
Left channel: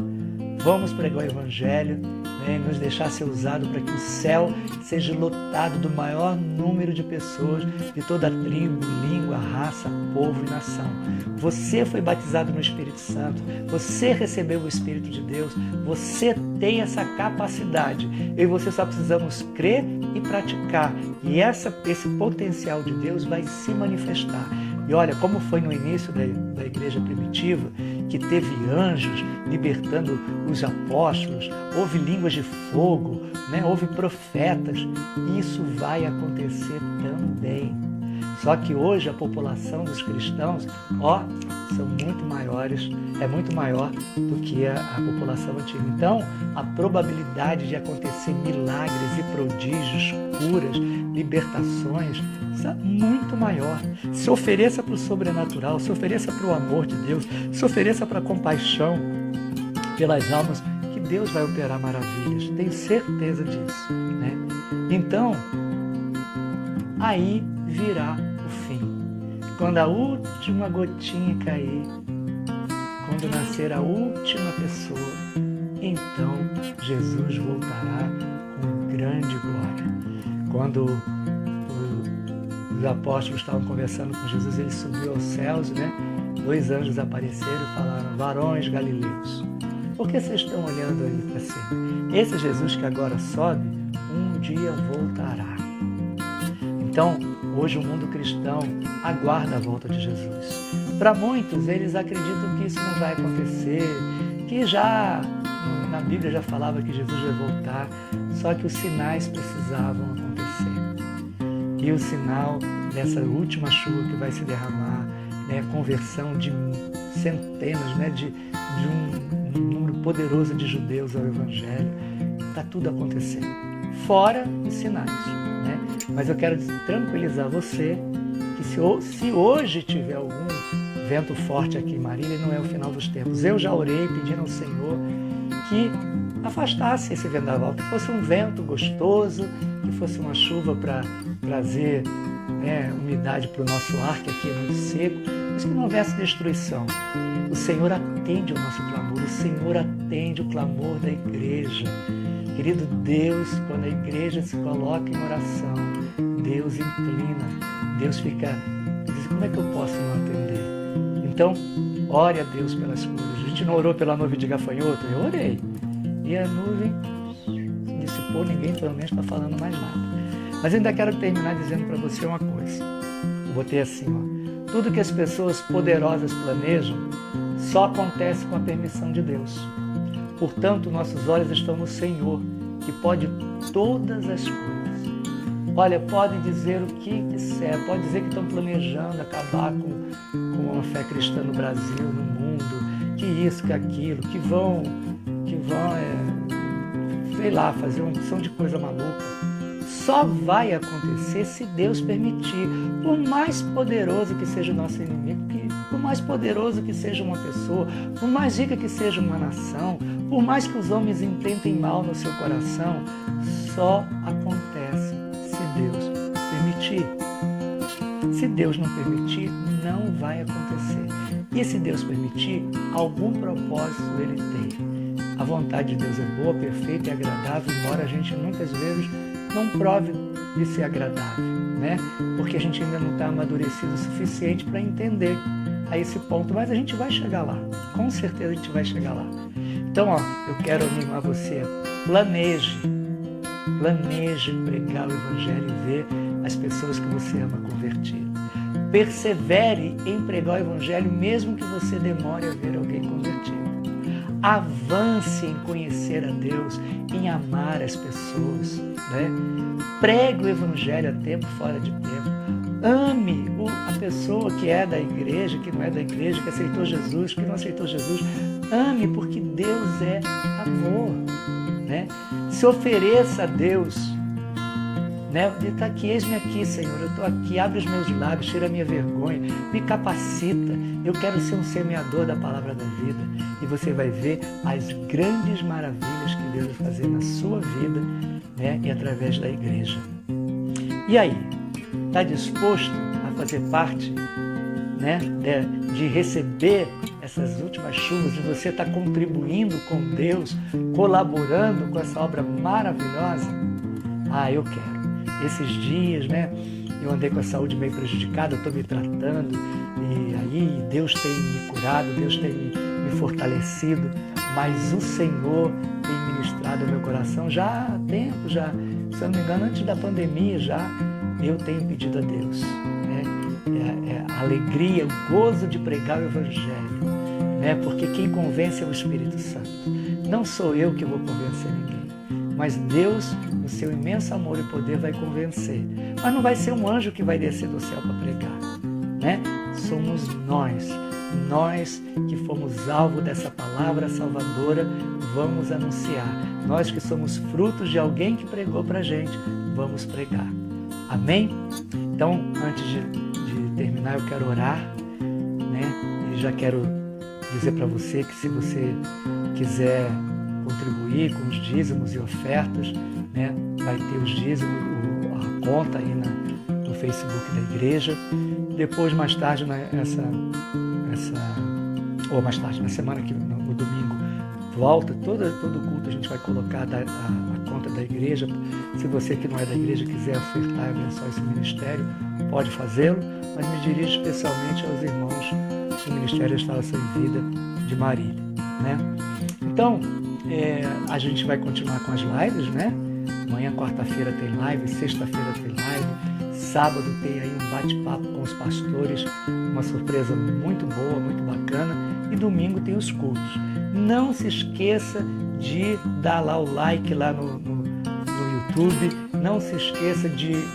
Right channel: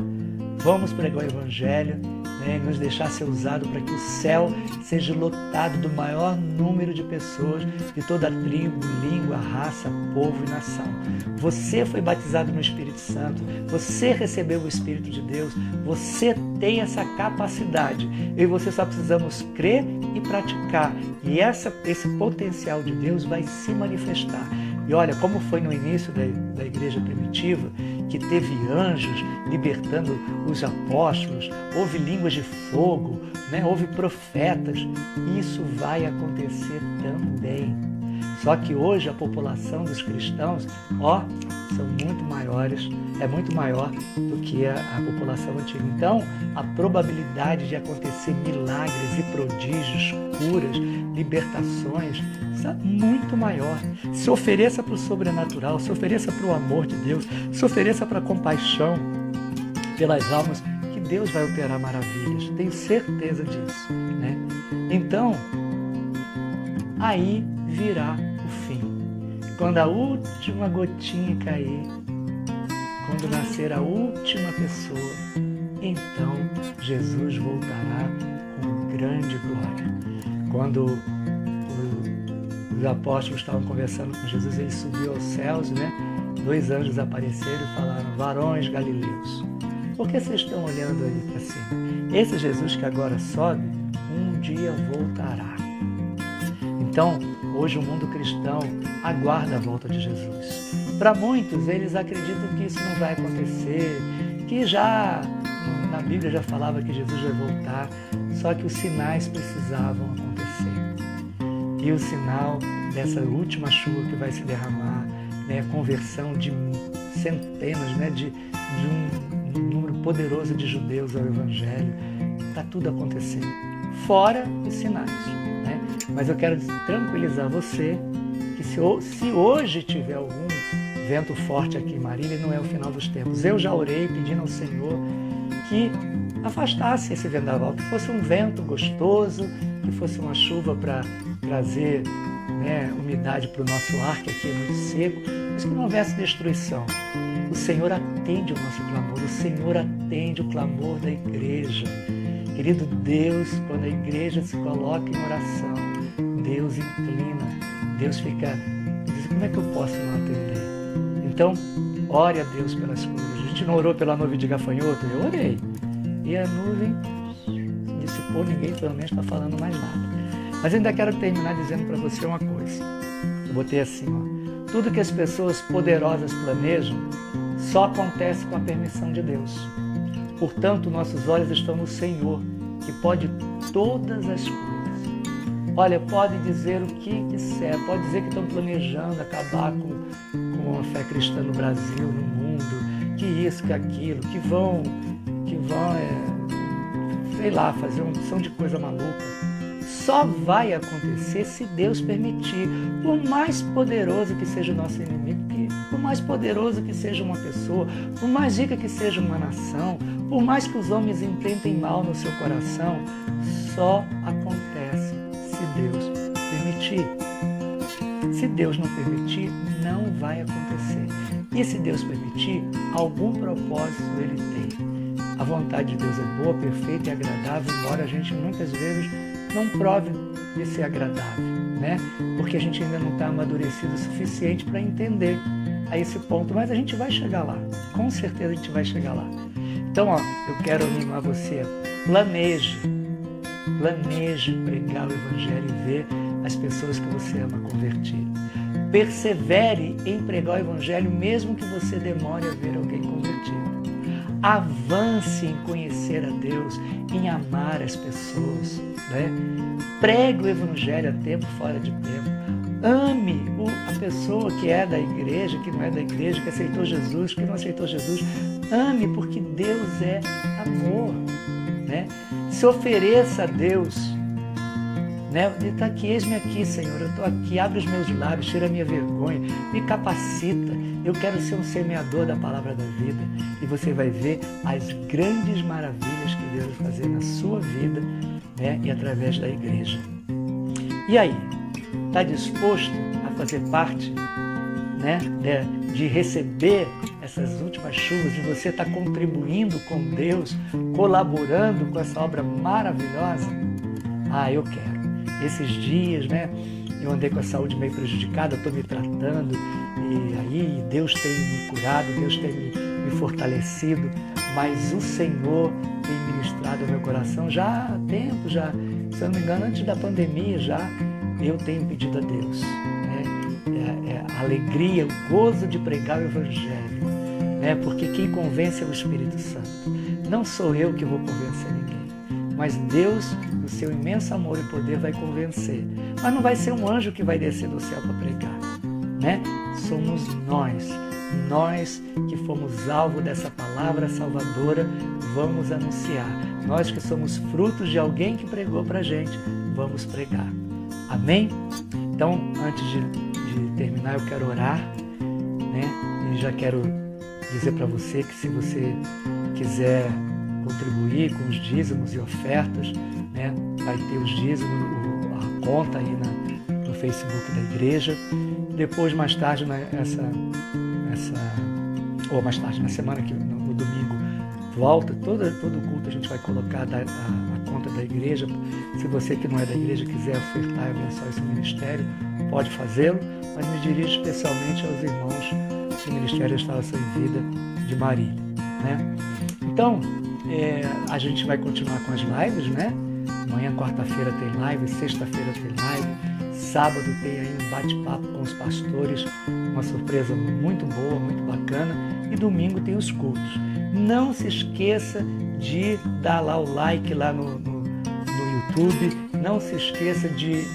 Vamos pregar o evangelho, né, e nos deixar ser usado para que o céu seja lotado do maior número de pessoas de toda a tribo, língua, raça, povo e nação. Você foi batizado no Espírito Santo, você recebeu o Espírito de Deus, você tem essa capacidade. Eu e você só precisamos crer e praticar. E esse potencial de Deus vai se manifestar. E olha, como foi no início da igreja primitiva, que teve anjos libertando os apóstolos, houve línguas de fogo, né? Houve profetas. Isso vai acontecer também. Só que hoje a população dos cristãos, são muito maiores, é muito maior do que a população antiga. Então, a probabilidade de acontecer milagres e prodígios, curas, libertações, isso é muito maior. Se ofereça para o sobrenatural, se ofereça para o amor de Deus, se ofereça para a compaixão pelas almas, que Deus vai operar maravilhas. Tenho certeza disso, né? Então, aí virá o fim. Quando a última gotinha cair, quando nascer a última pessoa, então Jesus voltará com grande glória. Quando os apóstolos estavam conversando com Jesus, ele subiu aos céus, né? 2 anjos apareceram e falaram: varões galileus, por que vocês estão olhando ali para cima? Esse Jesus que agora sobe, um dia voltará. Então, hoje o mundo cristão aguarda a volta de Jesus. Para muitos, eles acreditam que isso não vai acontecer, que já na Bíblia já falava que Jesus vai voltar, só que os sinais precisavam acontecer. E o sinal dessa última chuva que vai se derramar, né, a conversão de centenas, né, de um número poderoso de judeus ao Evangelho, está tudo acontecendo. Fora os sinais, né? Mas eu quero tranquilizar você que se hoje tiver algum vento forte aqui em Marília, não é o final dos tempos. Eu já orei pedindo ao Senhor que afastasse esse vendaval, que fosse um vento gostoso, que fosse uma chuva para trazer, né, umidade para o nosso ar, que aqui é muito seco, mas que não houvesse destruição. O Senhor atende o nosso clamor, o Senhor atende o clamor da igreja. Querido Deus, quando a igreja se coloca em oração, Deus inclina, Deus fica e diz: como é que eu posso não atender? Então, ore a Deus pelas curas. A gente não orou pela nuvem de gafanhoto? Eu orei. E a nuvem dissipou, ninguém pelo menos está falando mais nada. Mas ainda quero terminar dizendo para você uma coisa. Eu botei assim, tudo que as pessoas poderosas planejam só acontece com a permissão de Deus. Portanto, nossos olhos estão no Senhor, que pode todas as coisas. Olha, pode dizer o que quiser, pode dizer que estão planejando acabar com a fé cristã no Brasil, no mundo, que isso, que aquilo, que vão sei lá, fazer uma opção de coisa maluca. Só vai acontecer se Deus permitir. Por mais poderoso que seja o nosso inimigo, por mais poderoso que seja uma pessoa, por mais rica que seja uma nação, por mais que os homens intentem mal no seu coração, só acontece se Deus permitir. Se Deus não permitir, não vai acontecer. E se Deus permitir, algum propósito Ele tem. A vontade de Deus é boa, perfeita e agradável, embora a gente muitas vezes não prove de ser agradável, né? Porque a gente ainda não está amadurecido o suficiente para entender. a esse ponto, mas a gente vai chegar lá. Com certeza a gente vai chegar lá. Então, eu quero animar você. Planeje pregar o Evangelho e ver as pessoas que você ama convertir. Persevere em pregar o Evangelho, mesmo que você demore a ver alguém convertido. Avance em conhecer a Deus, em amar as pessoas, né? Pregue o Evangelho a tempo, fora de tempo. Ame a pessoa que é da igreja, que não é da igreja, que aceitou Jesus, que não aceitou Jesus. Ame, porque Deus é amor, né? Se ofereça a Deus, né? Está aqui, eis-me aqui, Senhor, eu estou aqui, abre os meus lábios, tira a minha vergonha, me capacita, eu quero ser um semeador da palavra da vida. E você vai ver as grandes maravilhas que Deus vai fazer na sua vida, né? E através da igreja. E aí, está disposto a fazer parte, né? de receber essas últimas chuvas, de você estar contribuindo com Deus, colaborando com essa obra maravilhosa? Eu quero. Esses dias, né, eu andei com a saúde meio prejudicada, estou me tratando, e aí Deus tem me curado, Deus tem me fortalecido, mas o Senhor tem ministrado ao meu coração já há tempo, se eu não me engano, antes da pandemia já, eu tenho pedido a Deus, né, a alegria, o gozo de pregar o Evangelho, né, porque quem convence é o Espírito Santo. Não sou eu que vou convencer ninguém, mas Deus, no seu imenso amor e poder, vai convencer. Mas não vai ser um anjo que vai descer do céu para pregar, né? Somos nós que fomos alvo dessa palavra salvadora, vamos anunciar. Nós que somos frutos de alguém que pregou para a gente, vamos pregar. Amém? Então, antes de terminar, eu quero orar, né? E já quero dizer para você que se você quiser contribuir com os dízimos e ofertas, né? Vai ter os dízimos, a conta aí no Facebook da igreja. Depois, mais tarde, ou mais tarde, na semana que no domingo, volta, todo culto a gente vai colocar a conta da igreja. Se você que não é da igreja quiser ofertar e abençoar esse ministério, pode fazê-lo, mas me dirijo especialmente aos irmãos do Ministério da Restauração em Vida de Marília, né? Então, a gente vai continuar com as lives, né? Amanhã, quarta-feira, tem live, sexta-feira tem live, sábado tem aí um bate-papo com os pastores, uma surpresa muito boa, muito bacana, e domingo tem os cultos. Não se esqueça de dar lá o like lá no YouTube, não se esqueça de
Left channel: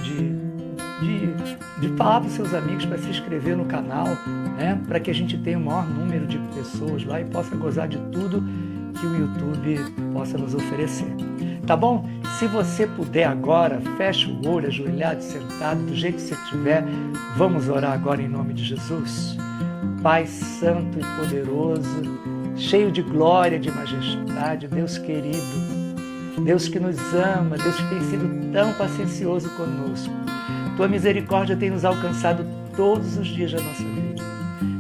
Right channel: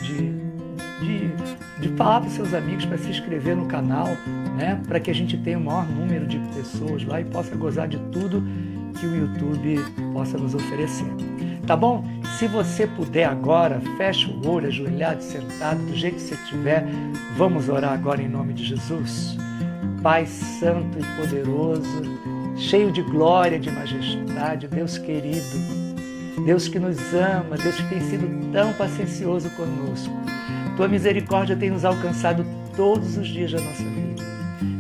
falar para os seus amigos para se inscrever no canal, né? Para que a gente tenha o maior número de pessoas lá e possa gozar de tudo que o YouTube possa nos oferecer. Tá bom? Se você puder agora, fecha o olho, ajoelhado, sentado, do jeito que você estiver. Vamos orar agora em nome de Jesus. Pai santo e poderoso, cheio de glória, de majestade, Deus querido, Deus que nos ama, Deus que tem sido tão paciencioso conosco. Tua misericórdia tem nos alcançado todos os dias da nossa vida.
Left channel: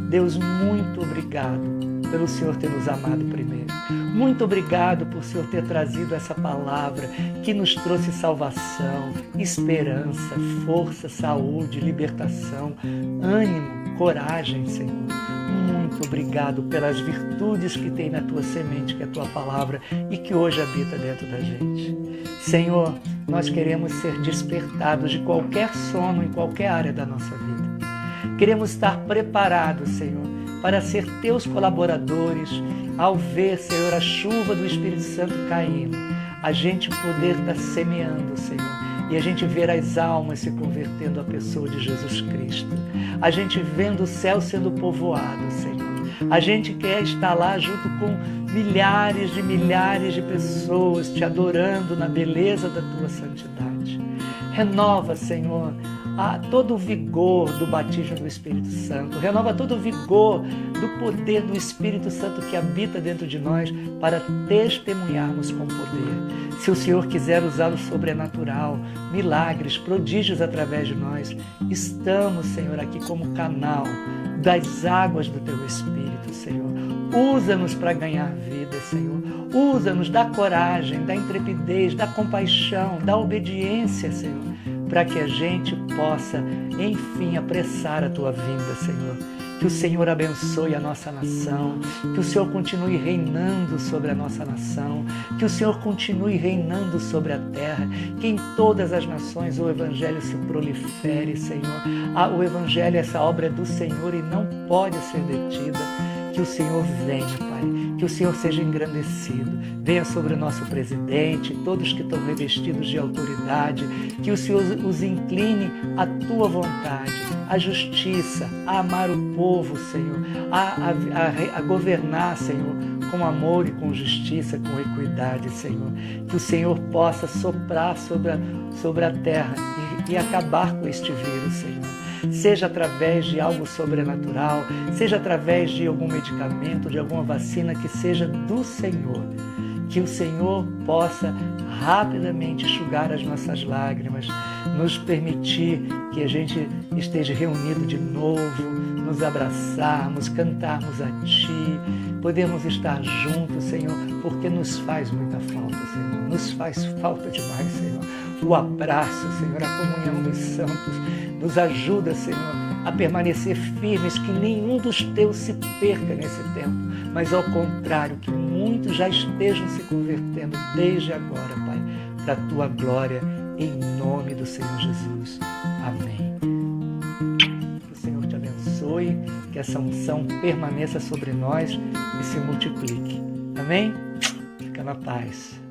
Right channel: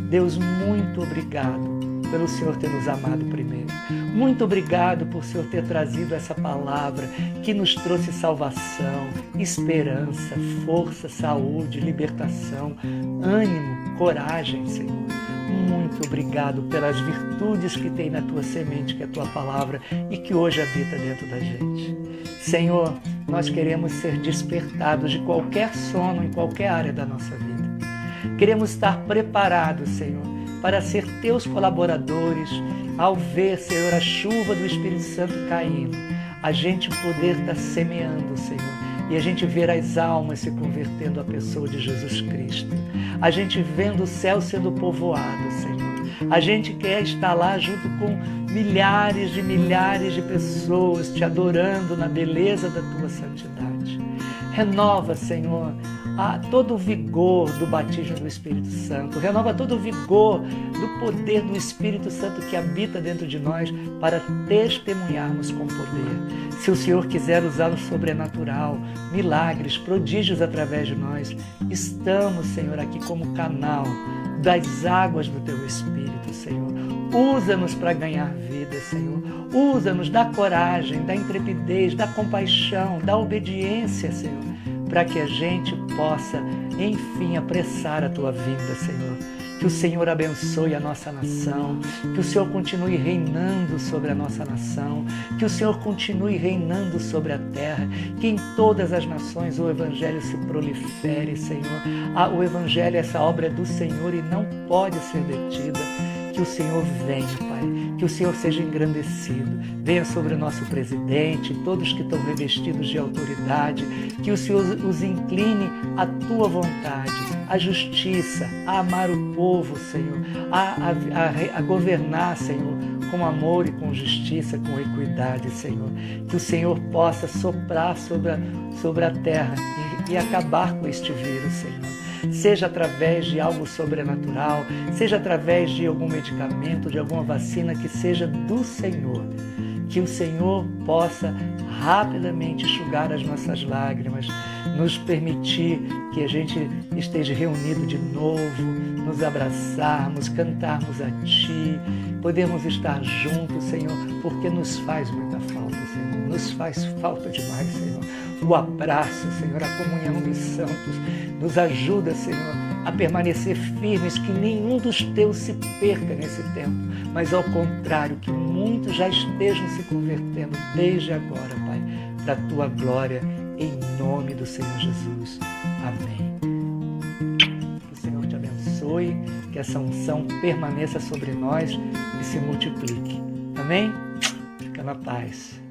Deus, muito obrigado pelo Senhor ter nos amado primeiro. Muito obrigado por o Senhor ter trazido essa palavra que nos trouxe salvação, esperança, força, saúde, libertação, ânimo, coragem, Senhor. Muito obrigado pelas virtudes que tem na tua semente, que é a tua palavra, e que hoje habita dentro da gente. Senhor, nós queremos ser despertados de qualquer sono em qualquer área da nossa vida. Queremos estar preparados, Senhor, para ser teus colaboradores, ao ver, Senhor, a chuva do Espírito Santo caindo, a gente poder estar semeando, Senhor, e a gente ver as almas se convertendo à pessoa de Jesus Cristo. A gente vendo o céu sendo povoado, Senhor. A gente quer estar lá junto com milhares de pessoas te adorando na beleza da tua santidade. Renova, Senhor, todo o vigor do batismo do Espírito Santo. Renova todo o vigor do poder do Espírito Santo que habita dentro de nós para testemunharmos com poder. Se o Senhor quiser usar o sobrenatural, milagres, prodígios através de nós, estamos, Senhor, aqui como canal das águas do Teu Espírito, Senhor. Usa-nos para ganhar vida, Senhor. Usa-nos, dá coragem, dá intrepidez, dá compaixão, dá obediência, Senhor, para que a gente possa, enfim, apressar a Tua vinda, Senhor. Que o Senhor abençoe a nossa nação, que o Senhor continue reinando sobre a nossa nação, que o Senhor continue reinando sobre a terra, que em todas as nações o Evangelho se prolifere, Senhor. O Evangelho, essa obra é do Senhor e não pode ser detida. Que o Senhor venha, Pai, que o Senhor seja engrandecido, venha sobre o nosso presidente, todos que estão revestidos de autoridade, que o Senhor os incline à Tua vontade, à justiça, a amar o povo, Senhor, a governar, Senhor, com amor e com justiça, com equidade, Senhor. Que o Senhor possa soprar sobre a terra e acabar com este vírus, Senhor. Seja através de algo sobrenatural, seja através de algum medicamento, de alguma vacina que seja do Senhor. Que o Senhor possa rapidamente enxugar as nossas lágrimas, nos permitir que a gente esteja reunido de novo, nos abraçarmos, cantarmos a Ti, podermos estar juntos, Senhor, porque nos faz muita falta, Senhor. Nos faz falta demais, Senhor. O abraço, Senhor, a comunhão dos santos nos ajuda, Senhor, a permanecer firmes, que nenhum dos Teus se perca nesse tempo, mas ao contrário, que muitos já estejam se convertendo desde agora, Pai, para a Tua glória, em nome do Senhor Jesus. Amém. Que o Senhor te abençoe, que essa unção permaneça sobre nós e se multiplique. Amém? Fica na paz.